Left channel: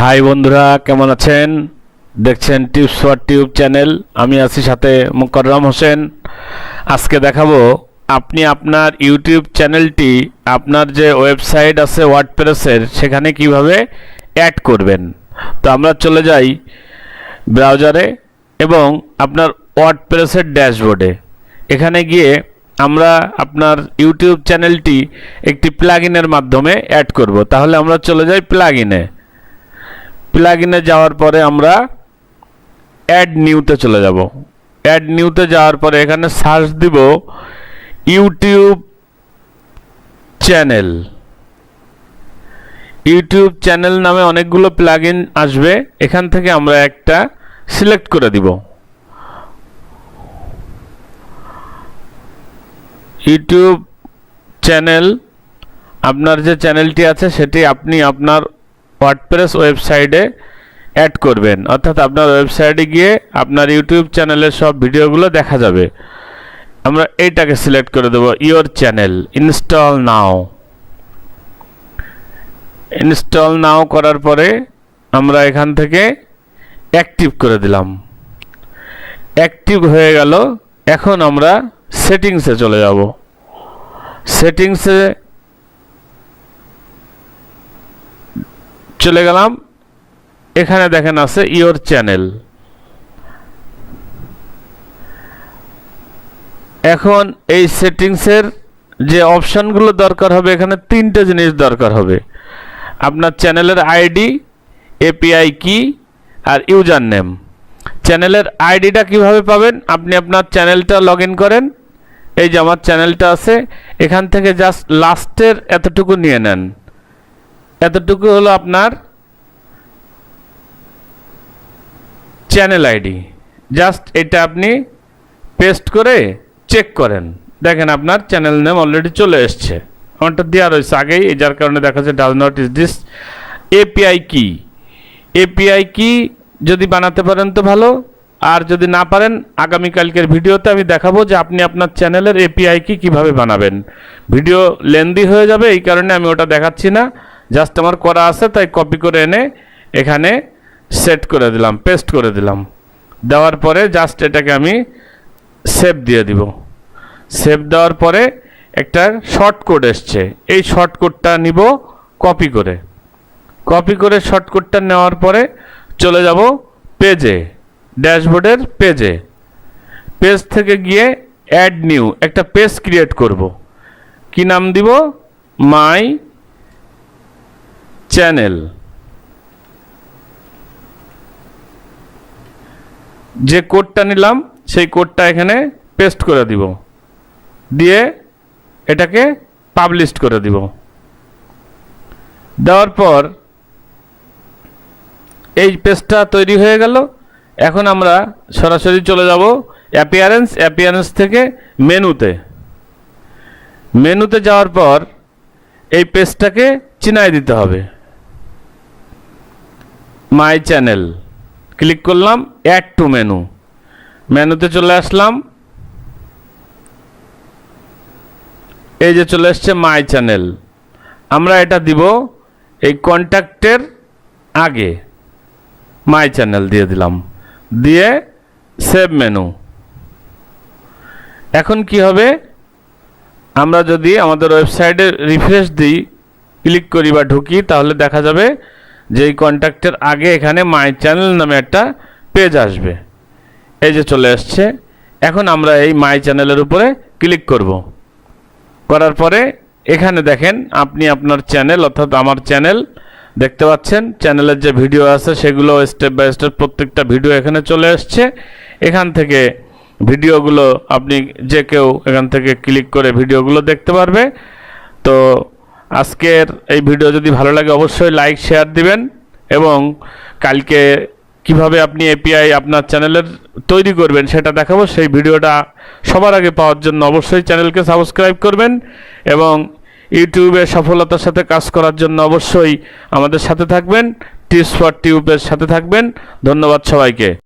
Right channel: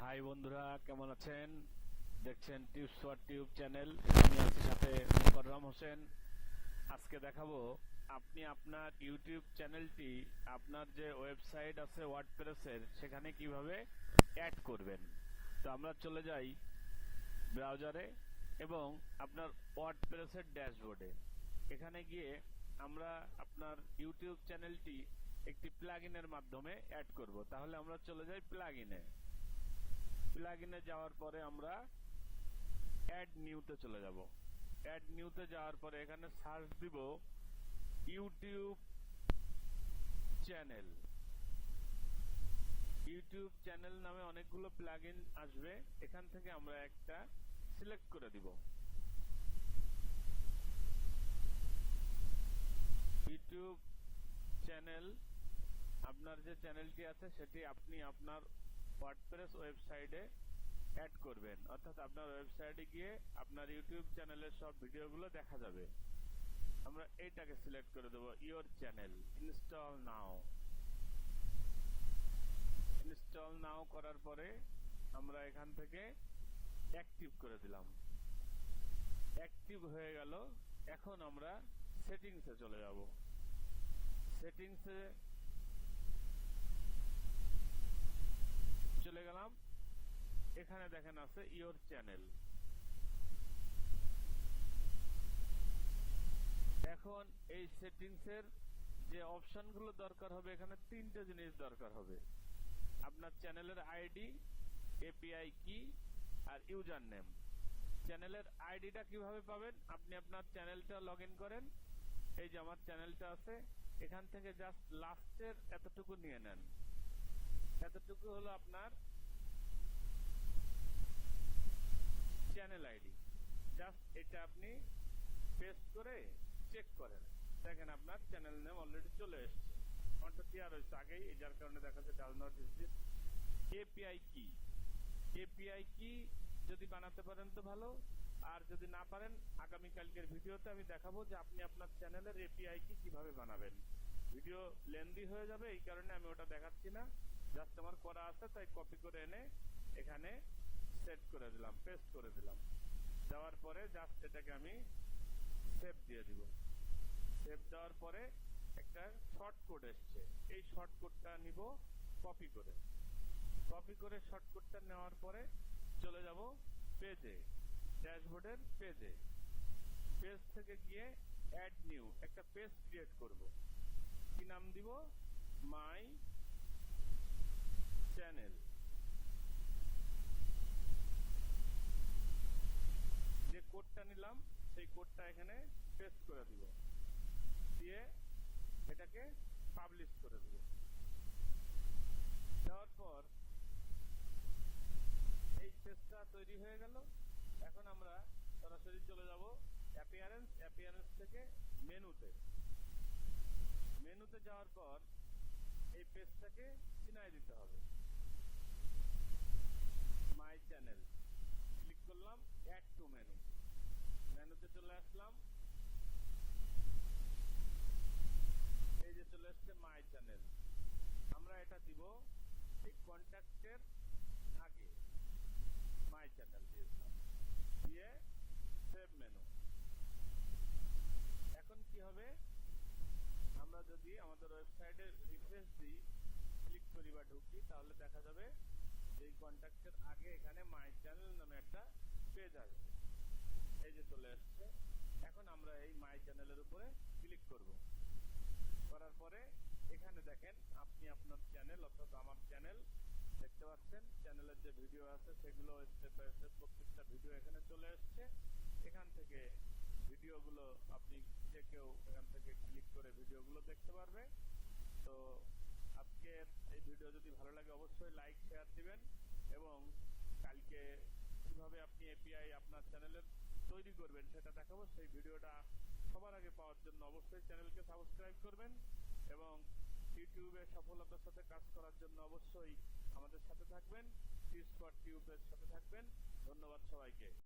High বন্ধুরা, কেমন আছেন? দেখছেন টিপস ফর টিউব চ্যানেল। আমি আছি সাথে মোকাররম হোসেন। আজকে দেখাবো আপনি আপনার ইউটিউব চ্যানেলটি আপনার যে ওয়েবসাইট আছে ওয়ার্ডপ্রেসের সেখানে কিভাবে অ্যাড করবেন। তো আমরা চলে যাই ব্রাউজারে এবং আপনার ওয়ার্ডপ্রেসের ড্যাশবোর্ডে। এখানে গিয়ে আমরা আপনার ইউটিউব চ্যানেলটি একটি প্লাগইনের মাধ্যমে অ্যাড করব। তাহলে আমরা চলে যাই প্লাগইনে যাওয়ার পরে আমরা অ্যাড নিউতে চলে যাব। অ্যাড নিউতে যাওয়ার পরে এখানে সার্চ দিব ইউটিউব চ্যানেল। ইউটিউব চ্যানেল নামে অনেকগুলো প্লাগইন আসবে, এখান থেকে আমরা একটা সিলেক্ট করে দিব। ইউটিউব চ্যানেল, আপনার যে চ্যানেলটি আছে সেটি আপনি আপনার ওয়ার্ডপ্রেস ওয়েবসাইটে অ্যাড করবেন, অর্থাৎ আপনার ওয়েবসাইটে গিয়ে আপনার ইউটিউব চ্যানেলের সব ভিডিওগুলো দেখা যাবে। আমরা এইটাকে সিলেক্ট করে দেব, ইওর চ্যানেল। ইনস্টল নাও করার পরে আমরা এখান থেকে অ্যাক্টিভ করে দিলাম। অ্যাক্টিভ হয়ে গেল। এখন আমরা সেটিংসে চলে যাব। সেটিংসে চলে গেলাম। এখানে দেখেন আছে ইওর চ্যানেল। এখন এই সেটিংসের যে অপশনগুলো দরকার হবে, এখানে তিনটে জিনিস দরকার হবে। আপনার চ্যানেলের আইডি, এপিআই কি আর ইউজার নেম। চ্যানেলের আইডিটা কিভাবে পাবেন? আপনি আপনার চ্যানেলটা লগ ইন করেন। এই যে আমার চ্যানেলটা আছে, এখান থেকে জাস্ট লাস্টের এতটুকু নিয়ে নেন। এতটুকু হলো আপনার চ্যানেল আইডি। জাস্ট এটা আপনি পেস্ট করে চেক করেন, দেখেন আপনার চ্যানেল নেম অলরেডি চলে এসছে। আমারটা দেওয়া রয়েছে আগেই, যার কারণে দেখা যাচ্ছে does not is this. API কি যদি বানাতে পারেন তো ভালো, আর যদি না পারেন আগামীকালকের ভিডিওতে আমি দেখাবো যে আপনি আপনার চ্যানেলের এপিআই কি কীভাবে বানাবেন। ভিডিও লেন্দি হয়ে যাবে, এই কারণে আমি ওটা দেখাচ্ছি না। জাস্ট আমার করা আছে, তাই কপি করে এনে এখানে সেট করে দিলাম, পেস্ট করে দিলাম। দেওয়ার পরে জাস্ট এটাকে আমি সেভ দিয়ে দিব। সেভ দেওয়ার পরে একটা শর্টকোড এসছে, এই শর্টকোডটা নিব কপি করে শর্টকোডটা নেওয়ার পরে চলে যাব পেজে, ড্যাশবোর্ডের পেজে। পেজ থেকে গিয়ে অ্যাড নিউ একটা পেজ ক্রিয়েট করব। কি নাম দিব? My channel. যে কোডটা নিলাম সেই কোডটা এখানে পেস্ট করে দিব, দিয়ে এটাকে পাবলিশ করে দিব। দেওয়ার পর এই পেজটা তৈরি হয়ে গেল। এখন আমরা সরাসরি চলে যাব অ্যাপিয়ারেন্স থেকে মেনুতে যাওয়ার পর এই পেজটাকে চিনাই দিতে হবে। মাই চ্যানেল ক্লিক করলাম, অ্যাড টু মেনুতে চলে আসলাম। এই যে চলে আসছে মাই চ্যানেল। আমরা এটা দিব এই কন্ট্যাক্টের আগে, মাই চ্যানেল দিয়ে দিলাম, দিয়ে সেভ মেনু। এখন কি হবে? আমরা যদি আমাদের ওয়েবসাইটে রিফ্রেশ দিই, ক্লিক করি বা ঢুকি, তাহলে দেখা যাবে যে এই কন্ট্যাক্টের আগে এখানে মাই চ্যানেল নামে একটা পেজ আসবে। এই যে চলে আসছে। এখন আমরা এই মাই চ্যানেলের উপরে ক্লিক করব। করার পরে এখানে দেখেন আপনি আপনার চ্যানেল, অর্থাৎ আমার চ্যানেল দেখতে পাচ্ছেন। চ্যানেলের যে ভিডিও আছে সেগুলো স্টেপ বাই স্টেপ প্রত্যেকটা ভিডিও এখানে চলে আসছে। এখান থেকে ভিডিওগুলো আপনি যে কেউ এখান থেকে ক্লিক করে ভিডিওগুলো দেখতে পারবে। তো আজকের এই ভিডিও যদি ভালো লাগে অবশ্যই লাইক শেয়ার দিবেন, এবং কালকে কিভাবে আপনি এপিআই আপনার চ্যানেলের তৈরি করবেন সেটা দেখাবো। সেই ভিডিওটা সবার আগে পাওয়ার জন্য অবশ্যই চ্যানেলকে সাবস্ক্রাইব করবেন, এবং ইউটিউবে সফলতার সাথে কাজ করার জন্য অবশ্যই আমাদের সাথে থাকবেন, টিপস ফর টিউবের সাথে থাকবেন। ধন্যবাদ সবাইকে।